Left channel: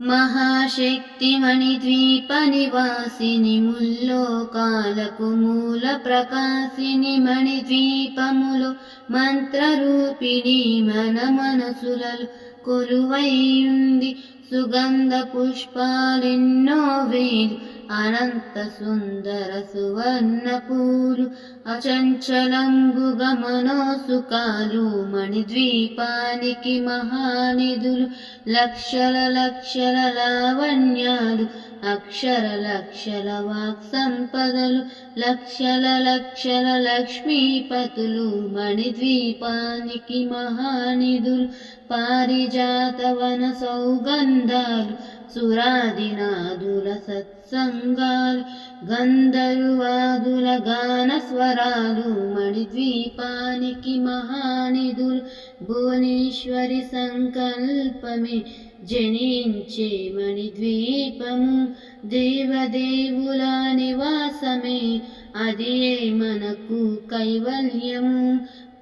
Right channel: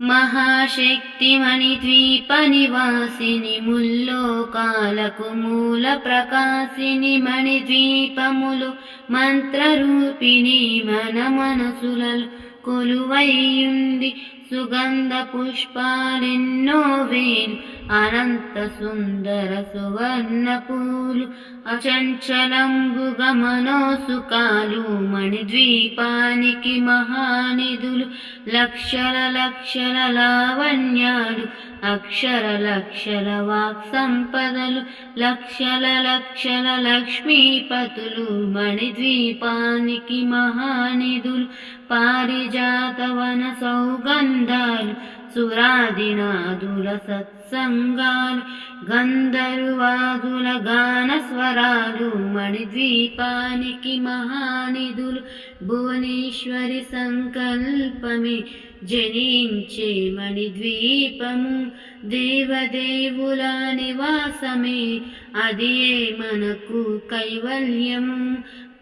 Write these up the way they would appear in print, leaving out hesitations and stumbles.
మహాశక్తిమణిద్వీప నివాసిని ముల్లోకాలకు మూల ప్రకాశిని మణిద్వీపములో మంత్రరూపిణి మన మనసులలో కొలువైయుంది. సుగంధ పుష్పాలెన్నో వేలు అనంత సుందర సువర్ణ పూలు అచంచలంబుగ మనోసుకాలు మణిద్వీపానికి మహానిధులు. లక్షల లక్షల లావణ్యాలు అక్షర లక్షల వాక్ సంపదలు లక్షల లక్షల లక్ష్మీపతులు మణిద్వీపానికి మహానిధులు. పారిజాతవన సౌగంధాలు సురాదినాదుల సత్సంగాలు గంధర్వాదుల గాన స్వరాలు మణిద్వీపానికి మహానిధులు. భువనేశ్వరి సంకల్పమే జనించే మణిద్వీపము దేవదేవుల నివాసమే అదియే మనకు కైవల్యము.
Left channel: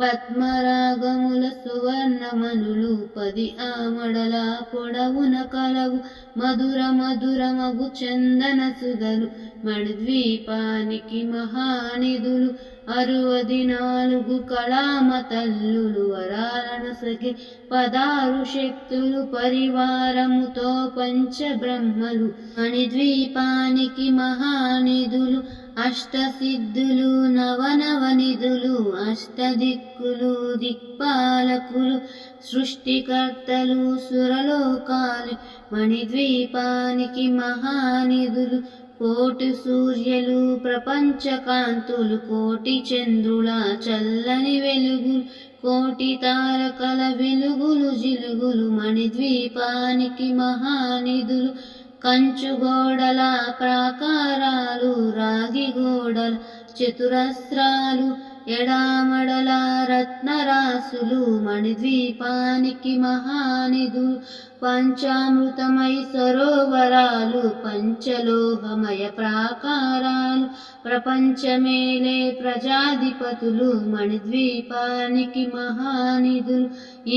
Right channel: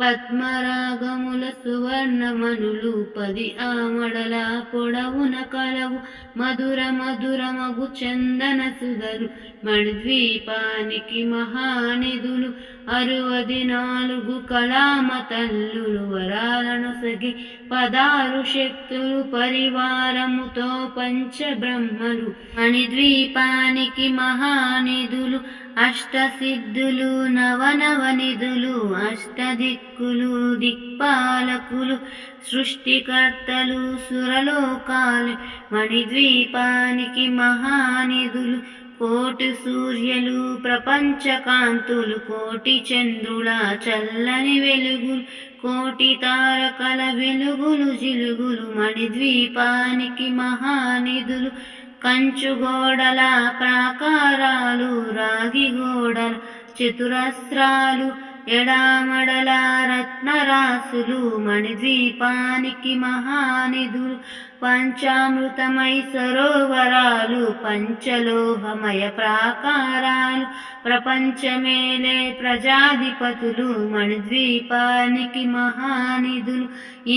పద్మరాగముల సువర్ణమనులు 10 ఆమడల పొడవున కలవు మధుర మధురమగు చందన సుధలు మణిద్వీపానికి మహానిధులు. 64 కళామ తల్లులు వరాలను సగి 16 శక్తులు పరివారముతో పంచబ్రహ్మలు మణిద్వీపానికి మహానిధులు. అష్టసిద్ధులు నవనవనిధులు అష్టదిక్కులు దిక్పాలకులు సృష్టికర్తలు సురలోకాలు మణిద్వీపానికి మహానిధులు. కోటి సూర్యులు ప్రపంచకాంతులు కోటి చంద్రుల చల్లని వెలుగులు కోటి తారకల వెలుగులు జిలుగులు మణిద్వీపానికి మహానిధులు. కంచుగోడల ప్రాకారాలు రాగి గోడల చతురస్రాలు ఎడామడల రత్నరాసులు మణిద్వీపానికి మహానిధులు. పంచామృతమై సరోవరాలు పంచలోహమయ ప్రాకారాలు ప్రపంచమేలే ప్రజాధిపతులు మణిద్వీపానికి మహానిధులు.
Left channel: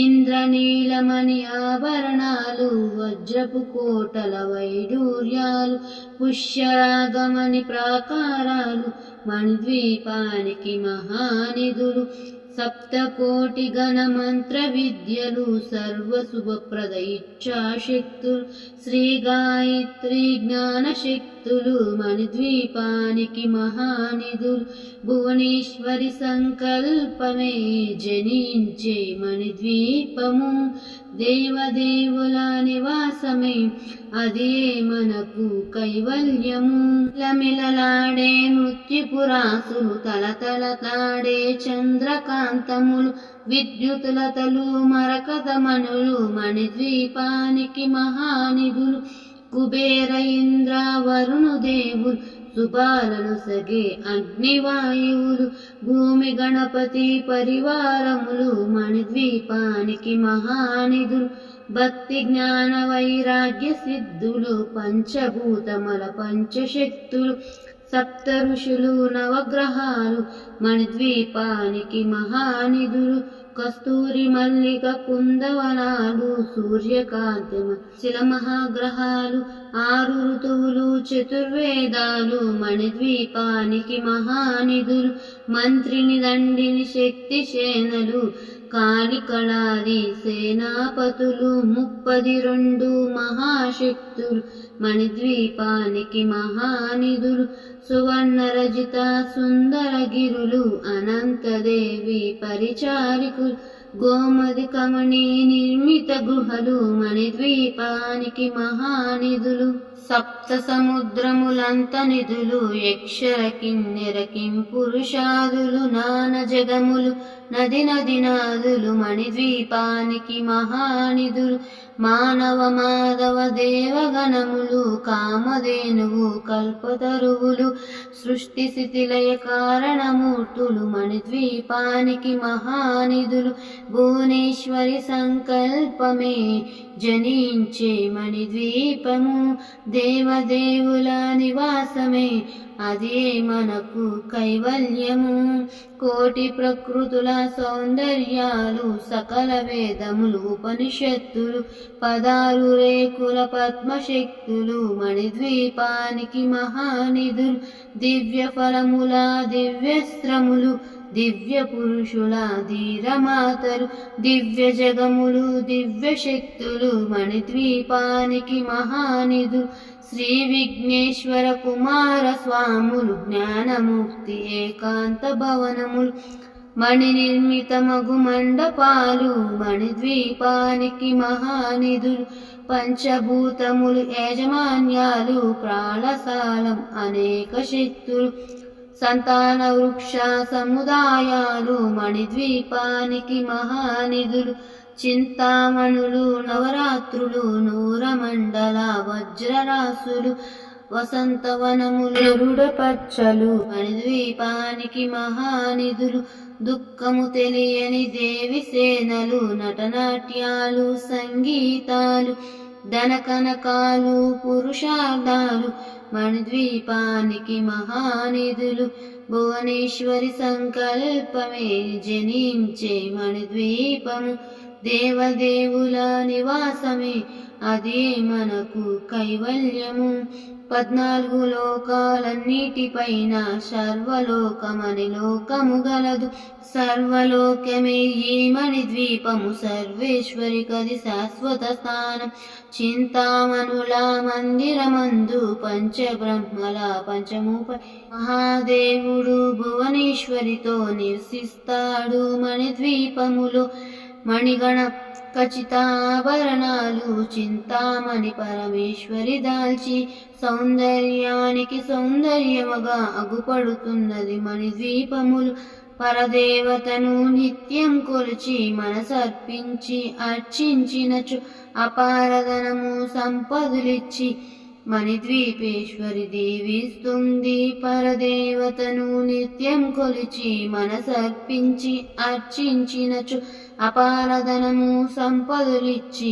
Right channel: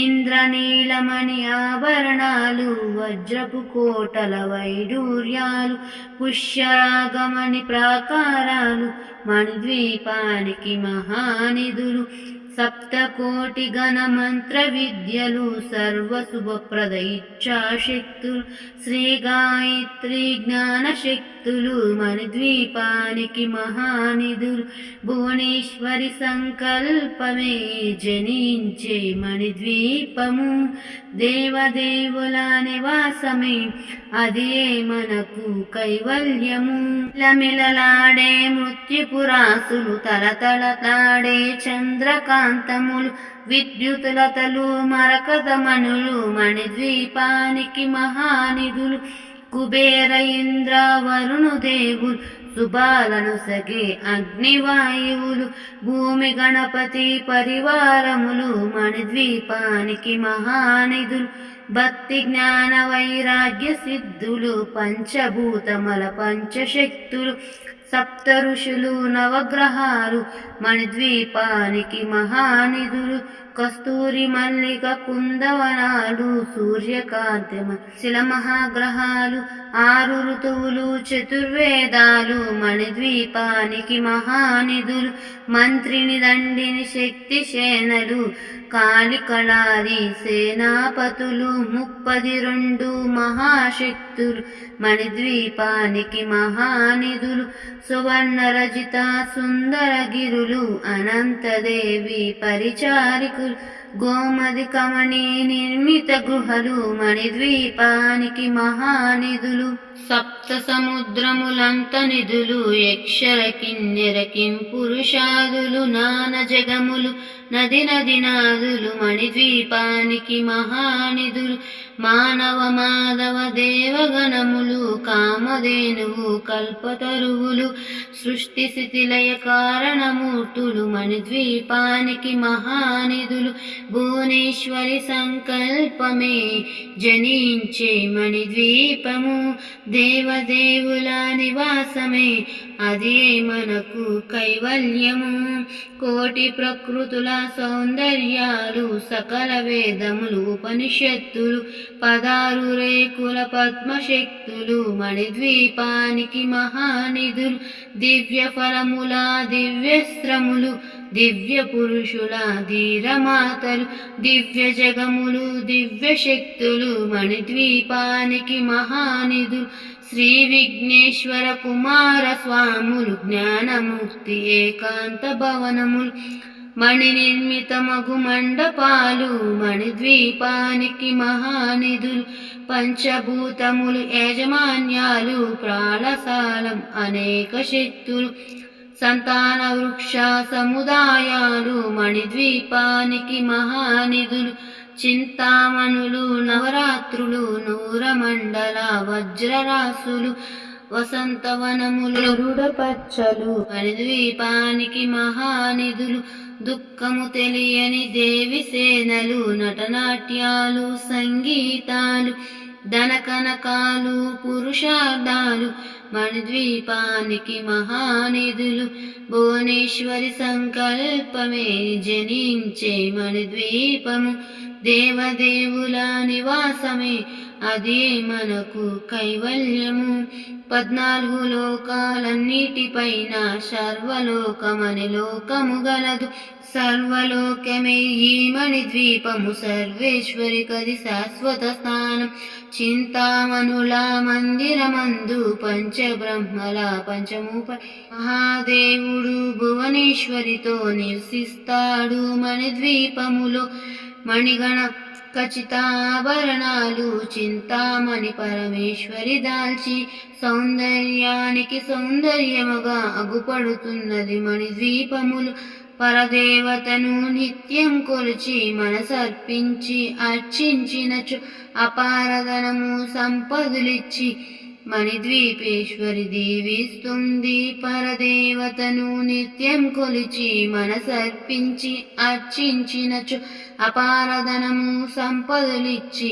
ఇంద్రనీలమణి ఆభరణాలు వజ్రపు కోటల వైడూర్యాలు పుష్యరాగమణి ప్రాకారాలు మణిద్వీపానికి మహానిధులు. సప్తకోటి గణ మంత్ర విద్యలు సర్వశుభప్రద ఇచ్ఛాశక్తులు శ్రీ గాయత్రి జ్ఞాన శక్తులు మణిద్వీపానికి మహానిధులు. భువనేశ్వరి సంకల్పమే జనించే మణిద్వీపము దేవదేవుల నివాసమే అదే మనకు కైవల్యము. లమిలలాడే మృత్యుపురాసులు తలతలలాడే చంద్రకాంతములు విద్యుతులతలు మరకతమణులు మణిద్వీపానికి మహానిధులు. కుబేర ఇంద్ర వరుణుదేవులు శుభాలను సగే అగ్నివాయువులు భూమి గణపతి పరివారములు మణిద్వీపానికి మహానిధులు. భక్తి జ్ఞాన వైరాగ్య సిద్ధులు పంచభూతమల పంచశక్తులు సప్త ఋషులు నవగ్రహాలు మణిద్వీపానికి మహానిధులు. కస్తూరి మల్లిక కుందవనాలు సూర్యకాంతిమ శిల మహాగ్రహాలు 6 ఋతువులు చతుర్వేదాలు మణిద్వీపానికి మహానిధులు. మంత్రిని దండిని శక్తి సేనలు కాళికళాది సేనాపతులు 32 మహాశక్తులు మణిద్వీపానికి మహానిధులు. సువర్ణ రజిత సుందరగిరులు అనంతదేవి పరిచారికులు గోమది కమణి నిర్మిత గృహలు మణిద్వీపానికి మహానిధులు. సప్త సముద్రములంత నిధులు యక్షర కిన్నెర కింపురుషాదులు నాన జగములు నది నదినాదులు మణిద్వీపానికి మహానిధులు. మానవ మాధవ దేవగణములు కామధేనువు కల్పతరువులు సృష్టి స్థితిలయ కారణమూర్తులు మణిద్వీపానికి మహానిధులు. భువనేశ్వరి సంకల్పమే జనించే మణిద్వీపము దేవదేవుల నివాసమే అదే మనకు కైవల్యము. కోటి ప్రకృతుల సౌందర్యాలు, సకల వేదములు ఉపనిషత్తులు, 16 రేకుల పద్మశక్తులు, మణిద్వీపానికి మహానిధులు, దివ్య ఫలముల దివ్యస్త్రములు, దివ్య పురుషుల ధీరమాతలు, దివ్య జగములు, దివ్య శక్తులు, మణిద్వీపానికి మహానిధులు, శ్రీ విఘ్నేశ్వర కుమార స్వాములు, జ్ఞానముక్తి ఏకాంత భవనములు, మణి నిర్మితమగు మండపాలు, మణిద్వీపానికి మహానిధులు, పంచభూతములు యాజమాన్యాలు, ప్రాళసాలం అనేక శక్తులు, సంతాన వృక్ష సముదాయాలు, మణిద్వీపానికి మహానిధులు, చింతామణులు, నవరాత్రులు, నూరమండల వజ్రరాసులు, వసంతవనములు, రుడపచ్చలు, మణిద్వీపానికి మహానిధులు, దుఃఖము తెలియని దేవి సేనలు, నటనాట్యాలు, సంగీతాలు, ధనకనకాలు, పురుషార్థాలు, మణిద్వీపానికి మహానిధులు, భువనేశ్వరి సంకల్పమే జనించే మణిద్వీపము, దేవదేవుల నివాసమే అదే మనకు కైవల్యము. 14 లోకాలన్నిటిపైన సర్వలోకమని లోకము గలదు, సర్వలోకమే ఈ మణిద్వీపము, సర్వేశ్వరి కది శాశ్వత స్థానం. చింతామణుల మందిరమందు పంచబ్రహ్మల పంచమూప మహాదేవుడు భువనేశ్వరితో నివసిస్తాడు. మణిద్వీపములో మణిగణ ఖచ్చితాభరణాలు చింతామణి పరమేశ్వరి దాల్చి, సౌందర్యానికి సౌందర్యముగా అగుపడుతున్నది మణిద్వీపములు. పరదేవతను నిత్యం కొలిచి మనసర్పించి అర్చించినచు అపారధనము సంపదలిచ్చి మణిద్వీపేశ్వరి దీవిస్తుంది. పరదేవతను నిత్యం కొలిచి మనసర్పించి అర్చించినచు అపారధనము సంపదలిచ్చి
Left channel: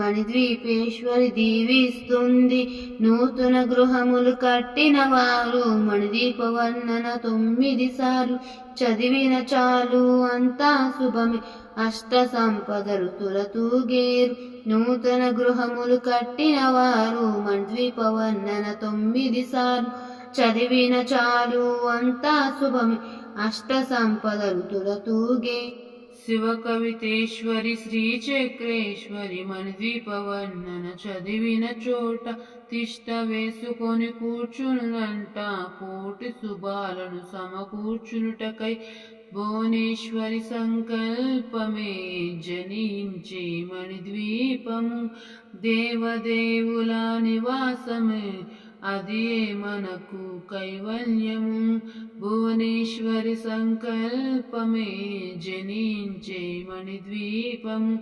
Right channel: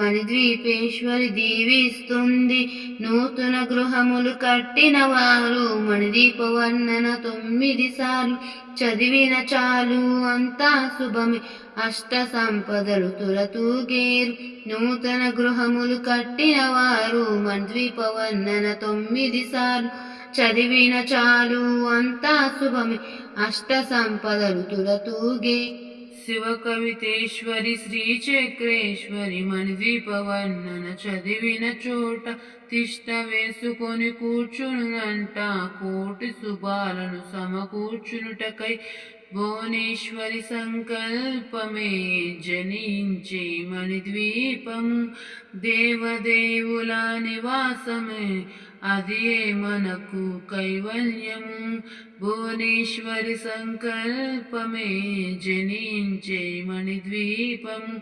మణిద్వీపేశ్వరి దీవిస్తుంది. నూతన గృహములు కట్టిన వారు మణిద్వీప వర్ణన 9 సార్లు చదివిన చాలు, అంతా శుభమే, అష్ట సంపదలు తులతూగేరు. నూతన గృహములు కట్టిన వారు మణిద్వీప వర్ణన 9 సార్లు చదివిన చాలు, అంతా శుభమే, అష్ట సంపదలు తులతూగే. శివ కవితేశ్వరి శ్రీచక్రేశ్వరి మణిద్వీప వర్ణన చదివిన చోట తిష్ట వేసుకొని కూర్చునునంట, కోటి శుభాలను సమకూర్చునుటకై భువనేశ్వరి సంకల్పమే జనించే మణిద్వీపము, దేవదేవుల నివాసమే అదే మనకు కైవల్యము. భువనేశ్వరి సంకల్పమే జనించే మణిద్వీపము,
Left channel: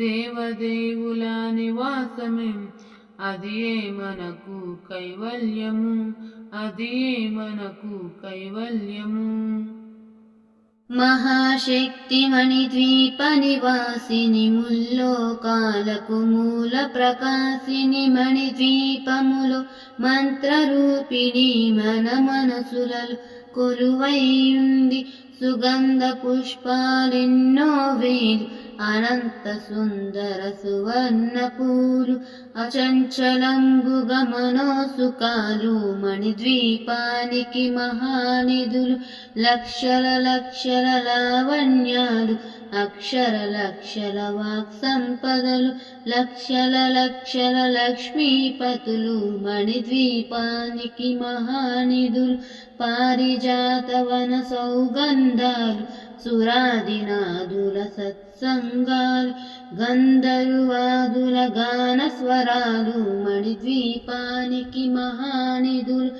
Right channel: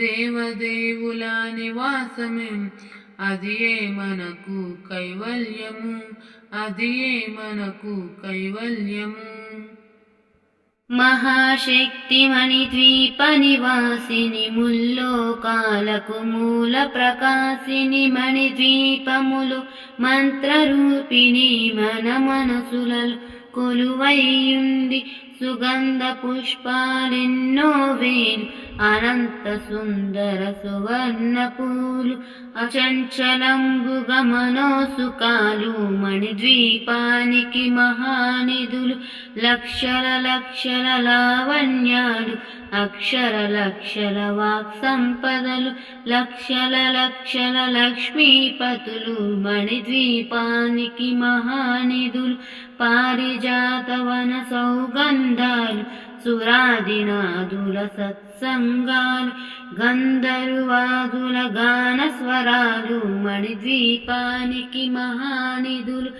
దేవదేవుల నివాసమే అదే మనకు కైవల్యము, అదే మనకు కైవల్యము. మహాశక్తి మణిద్వీప నివాసిని, ముల్లోకాలకు మూల ప్రకాశిని, మణిద్వీపములో మంత్రరూపిణి మన మనసులలో కొలువైయుంది. సుగంధ పుష్పాలెన్నో వేలు, అనంత సుందర సువర్ణ పూలు, అచంచలంబుగ మనోసుకాలు, మణిద్వీపానికి మహానిధులు, లక్షల లక్షల లావణ్యాలు, అక్షర లక్షల వాక్ సంపదలు, లక్షల లక్షల లక్ష్మీపతులు, మణిద్వీపానికి మహానిధులు, పారిజాతవన సౌగంధాలు, సురాదినాదుల సత్సంగాలు, గంధర్వాదుల గాన స్వరాలు, మణిద్వీపానికి మహానిధులు,